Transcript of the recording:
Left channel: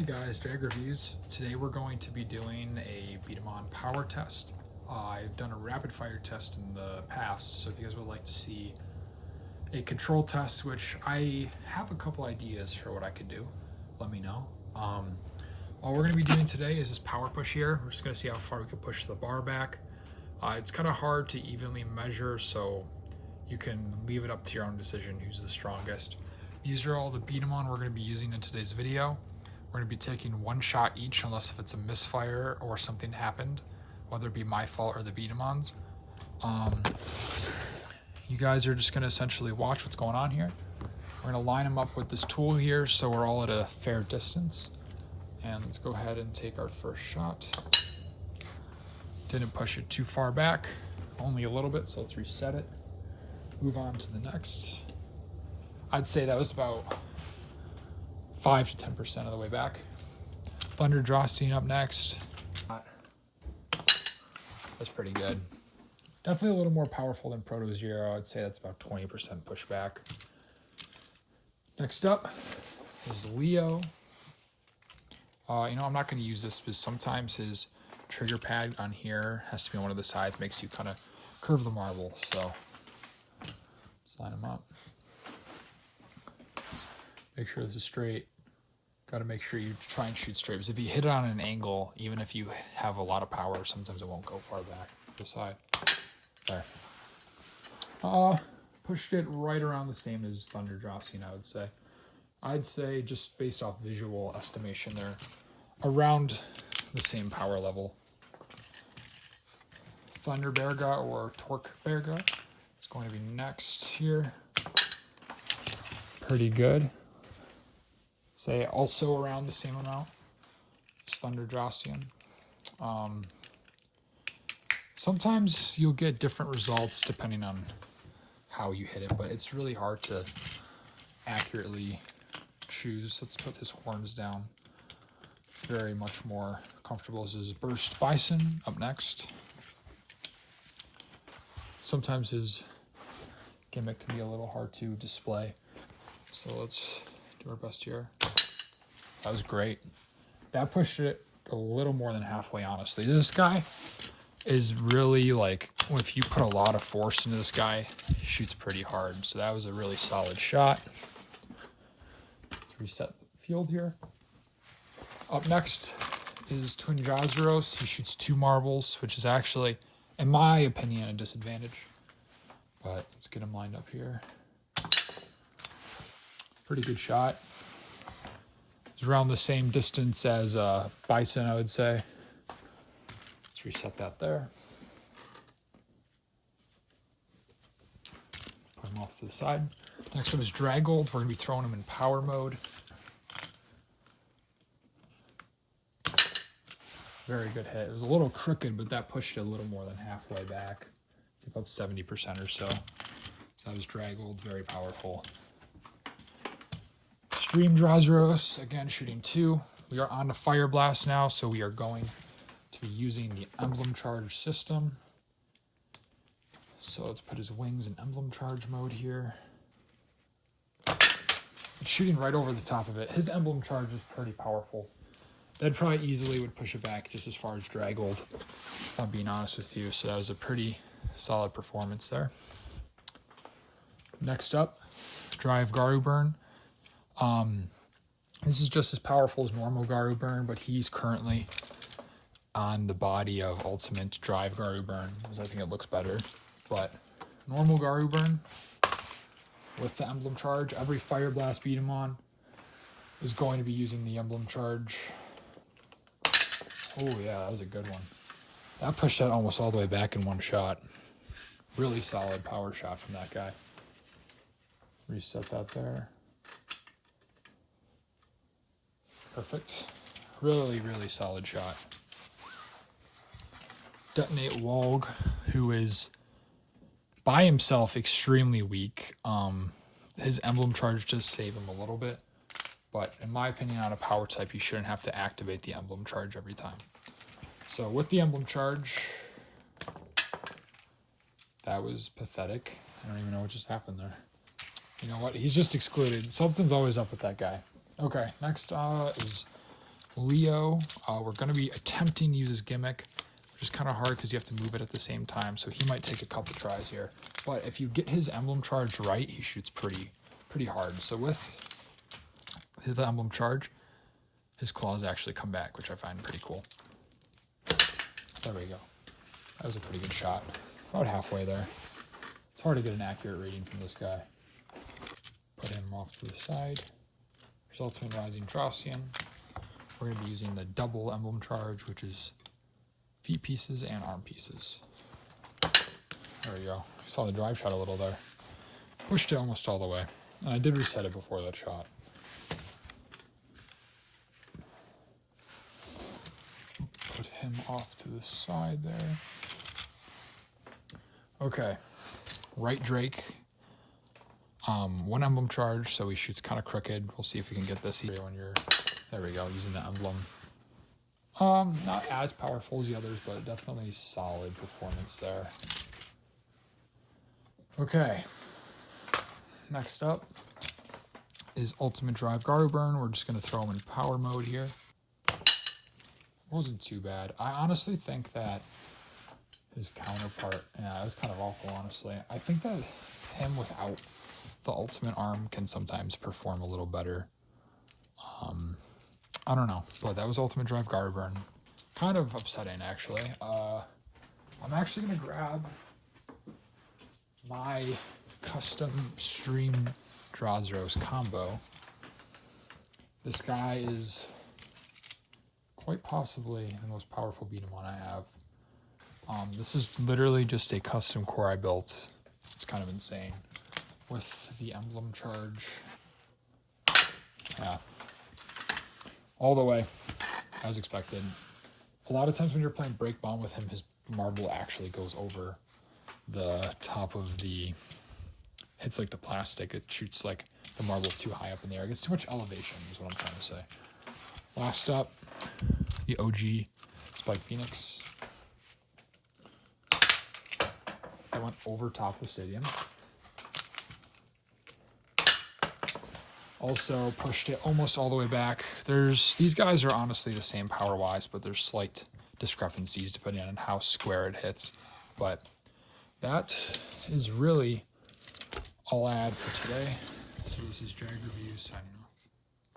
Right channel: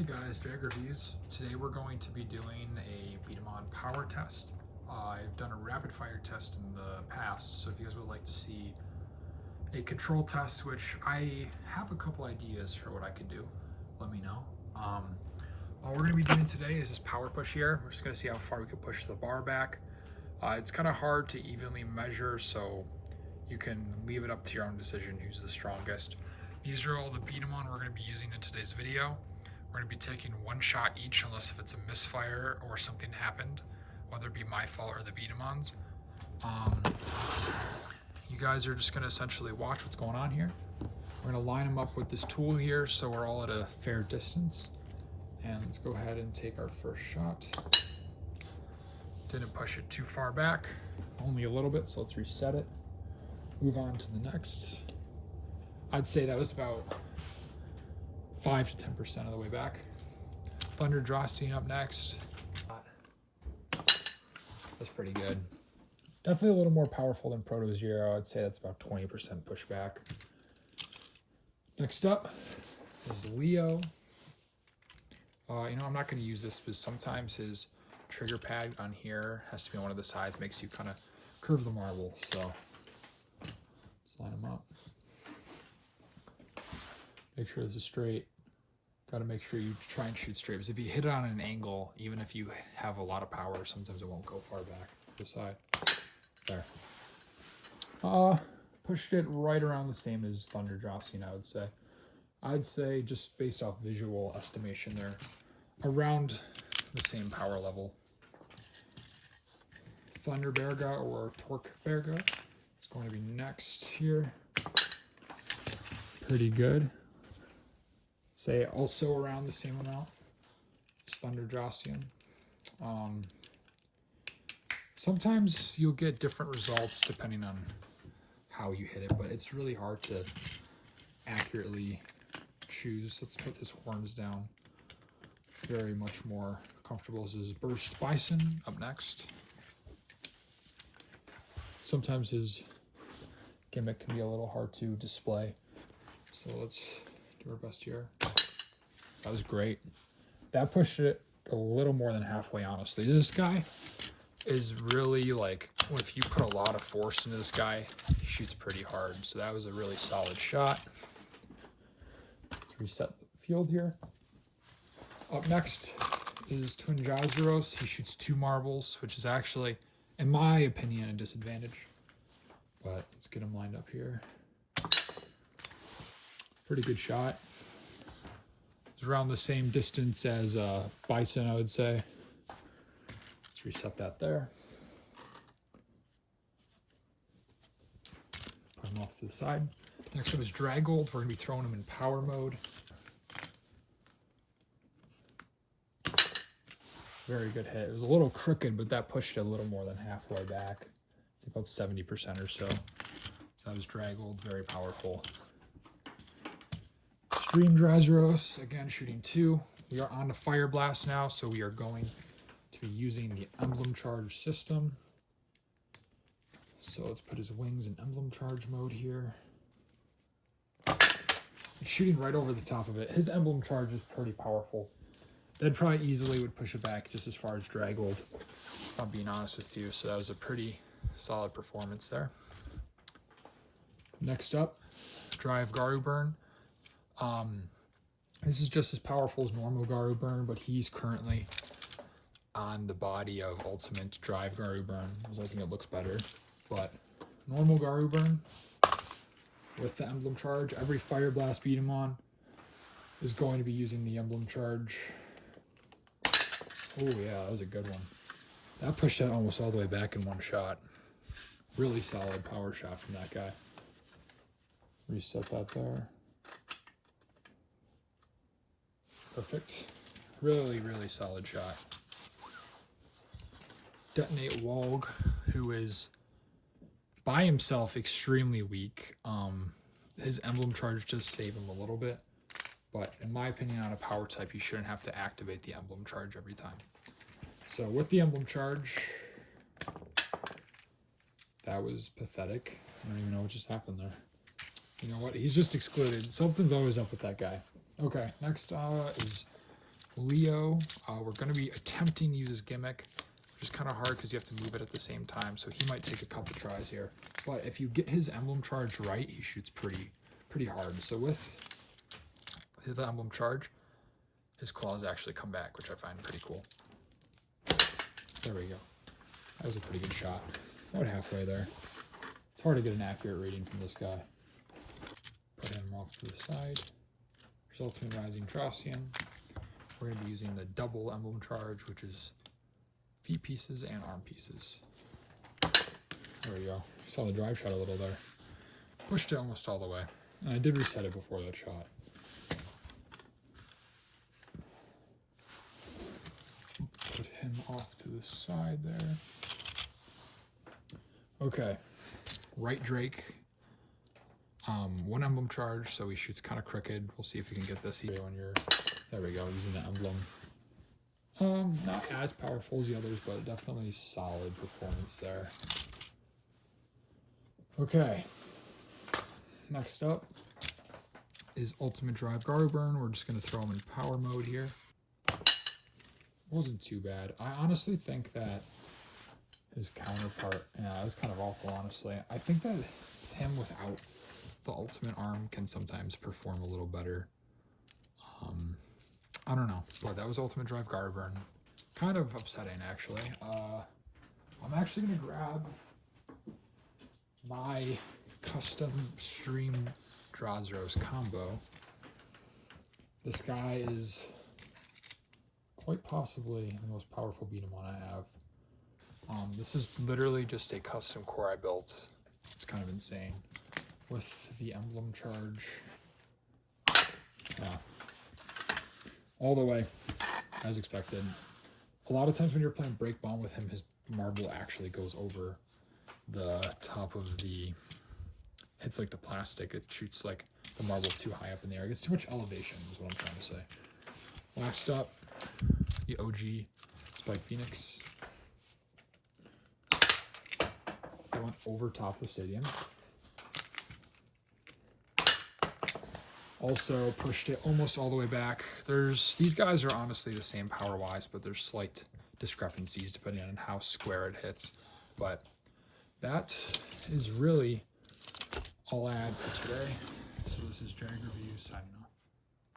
Hey guys, Jag Reviews. Today we're going to be doing a daman power test. I've done a rapid fire test in the past, so if you guys would like to see a control test, which I have a couple ideas for what I could do, let me know. All we're going to be doing today is this power push here. We're just going to see how far we can push the bar back. It's kind of hard to evenly measure, so you can leave it up to your own decision who's the strongest. These are all the daman we're going to be using in today's video. We're going to be taking one shot each unless if it's a misfire or something happened, whether it be my fault or the daman's. You guys are just going to essentially watch what's going on here. We're going to line them up with this tool here so we're all at a fair distance. And let's go ahead and take our first shot. Didn't push it too far back, only a little bit, so let's reset it. Move on to the next. I'd say that was about 5 to 10% of the way back. Thunder Drawstein up next. That's pretty good. Definitely a little more powerful than Proto Zero. I'd say that's about 20% pushback. Next up is Leo. I'm not going to use this because sometimes his trigger pad on here has to be one of the sides, makes you kind of curve the marble. So let's line him up. Make sure this is straight. Got to make sure you try and shoot straight, because if you hit it on an angle, even if you have a lot of power, sometimes it won't go far back to the side. There. Pushed it right around the same as Thunder Drawstein, I would say. I'd say, just based off visual estimation there, around the same power level. Thunder Berga or Torque Berga is going to be next here. Pretty good. Say also around the same amount as Thunder Drawstein. Sometimes you'll get different results depending on how you hit it, but it's really hard to accurately choose. Let's put his horns down. It's very much more comfortable. This is Burst Bison up next. Sometimes his gimmick can be a little hard to display, so let's do our best here. That was great. That pushed it a little more than halfway, honestly. This guy is really, like, if you put a lot of force into this guy, he shoots pretty hard. So that was a really solid shot. Let's reset the field here. Up next is Twin Jaizeros. He shoots 2 marbles, which is actually, in my opinion, a disadvantage. But let's get him lined up here. Pretty good shot. It's around the same distance as Bison, I would say. Let's reset that there. Put him off to the side. Next up is Dragold. We're going to be throwing him in power mode. Very good hit. It was a little crooked, but that pushed it a little more than halfway back. It's about 70% or so. So that was Dragold, very powerful. Stream Jaizeros, again shooting 2. We are on to Fire Blast now, so we are going to be using the Emblem Charge system. So let's put his wings in Emblem Charge mode here. It's shooting right over the top of it. His Emblem Charge is pretty powerful. That probably easily would push it back just as far as Dragold, if I'm being honest with you. So that was a pretty solid performance there. Next up, Drive Garu Burn. This is just as powerful as normal Garu Burn, but he's currently on the body of Ultimate Drive Garu Burn, because I think it looks better. But normal Garu Burn with the Emblem Charge. Every Fire Blast daman is going to be using the Emblem Charge. Oh yeah, that was a good one. That pushed that almost all the way back in one shot. Really solid power shot from that guy. Reset that there. Perfect. Really, really solid shot. Detonate Wolg, who is by himself extremely weak. His Emblem Charge does save him a little bit, but in my opinion, on a power type, you shouldn't have to activate the Emblem Charge every time. So with the Emblem Charge, that was pathetic. I don't even know what just happened there. You know what? He's just excluded. Something's always up with that guy. Okay, next is Leo, we're going to be attempting to use Gimmick, which is kind of hard because you have to move it at the same time, so he might take a couple tries here. But if you get his emblem charge right, he shoots pretty hard. So with the emblem charge, his claws actually come back, which I find pretty cool. There we go. That was a pretty good shot. About halfway there. It's hard to get an accurate reading from this guy. Put him off to the side. There's Ultimate Rising Dracian. We're going to be using the double emblem charge, which is feet pieces and arm pieces. There we go. Saw the drive shot a little there. Pushed it almost all the way. And I did reset it before that shot. Put him off to the side there. Okay. Right Drake. One emblem charge, so he shoots kind of crooked. We'll see if we can get this here when you're... There we go, using the emblem. Not as powerful as the others, but definitely solid performance there. Okay. Next up is Ultimate Drive Garburn. We're just going to throw him in power mode here. Wasn't too bad. I honestly think that his counterpart, yeah, it was kind of awful, honestly. I think that him without the ultimate arm can sometimes perform a little better. I don't know, but that was Ultimate Drive Garburn. Kind of upsetting, actually. I'm actually going to grab my custom Stream Drozros combo. This guy is quite possibly the most powerful beat-em-on I have. This is literally just a custom core I built. It's kind of insane. With the emblem charge. Yeah. All the way, as expected. A lot of times when you're playing Break Bomb with him, his marble actually goes over the top of the... hits like the plastic. It shoots like the marble too high up in the air. It gets too much elevation is what I'm trying to say. Last up, the OG Spike Phoenix. They went over top of the stadium. Also pushed it almost all the way back. These guys are honestly the same power-wise, but there's slight discrepancies depending on how square it hits. But that is really all I had for today. So this is Jag Reviews signing off.